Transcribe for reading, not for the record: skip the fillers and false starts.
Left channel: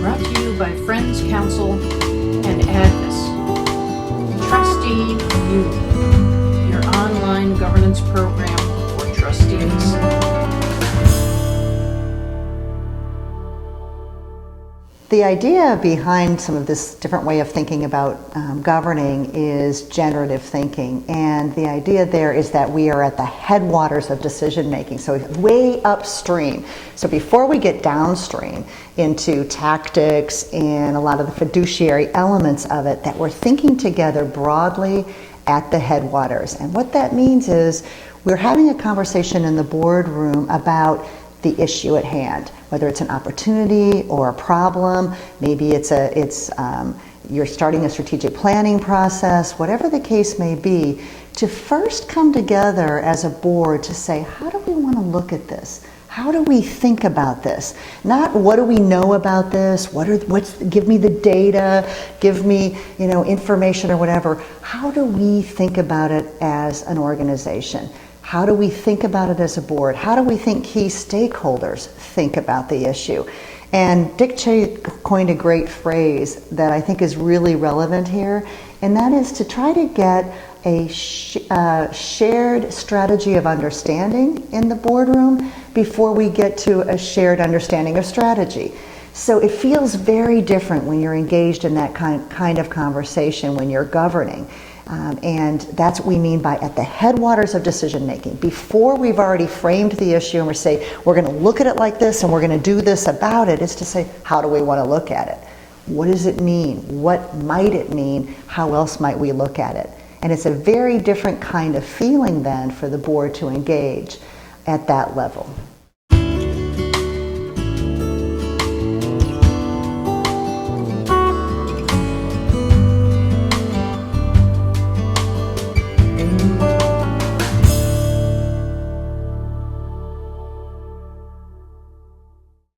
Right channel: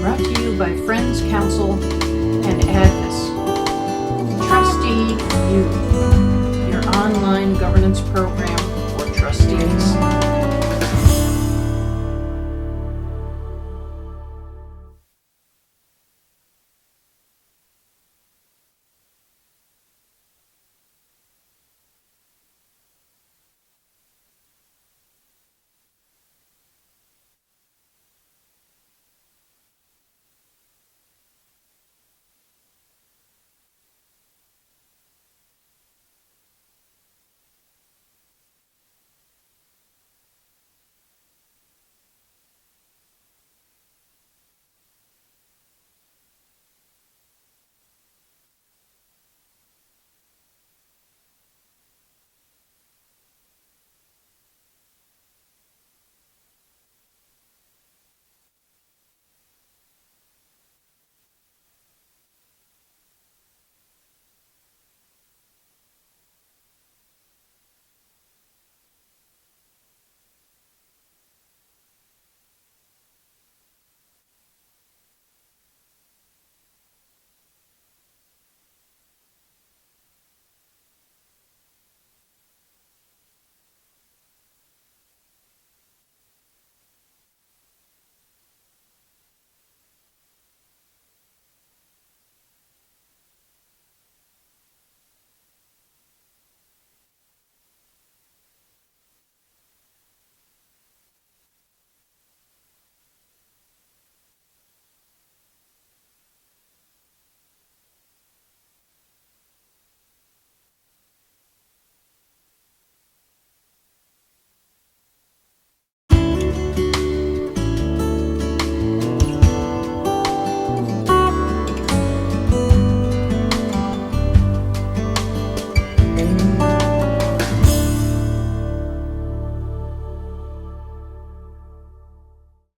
Brought to you by Friends Council and Agnes. TrusteeU, your online governance program for trustees. The idea behind some of this different way of thinking about governing is generative thinking. And the idea there is that we are at the headwaters of decision making, so way upstream. So before we get downstream into tactics and a lot of the fiduciary elements of it, that we're thinking together broadly at the headwaters. And what that means is we're having a conversation in the boardroom about the issue at hand, whether it's an opportunity or a problem. Maybe you're starting a strategic planning process, whatever the case may be, to first come together as a board to say, how do we want to look at this? How do we think about this? Not what do we know about this? Give me the data, give me, information or whatever. How do we think about it as an organization? How do we think about it as a board? How do we think key stakeholders think about the issue? And Dick Cheney coined a great phrase that I think is really relevant here, and that is to try to get a shared strategy of understanding in the boardroom before we get to a shared understanding of strategy. So it feels very different when you're engaged in that kind of conversation when you're governing. And that's what we mean by at the headwaters of decision making. Before we've already framed the issue and we're saying, we're going to look at it like this and we're going to do this about it, is to say, how do we want to look at it? What does it mean? What might it mean? How else might we look at it? And it's a very different kind of feeling then for the board to engage at that level.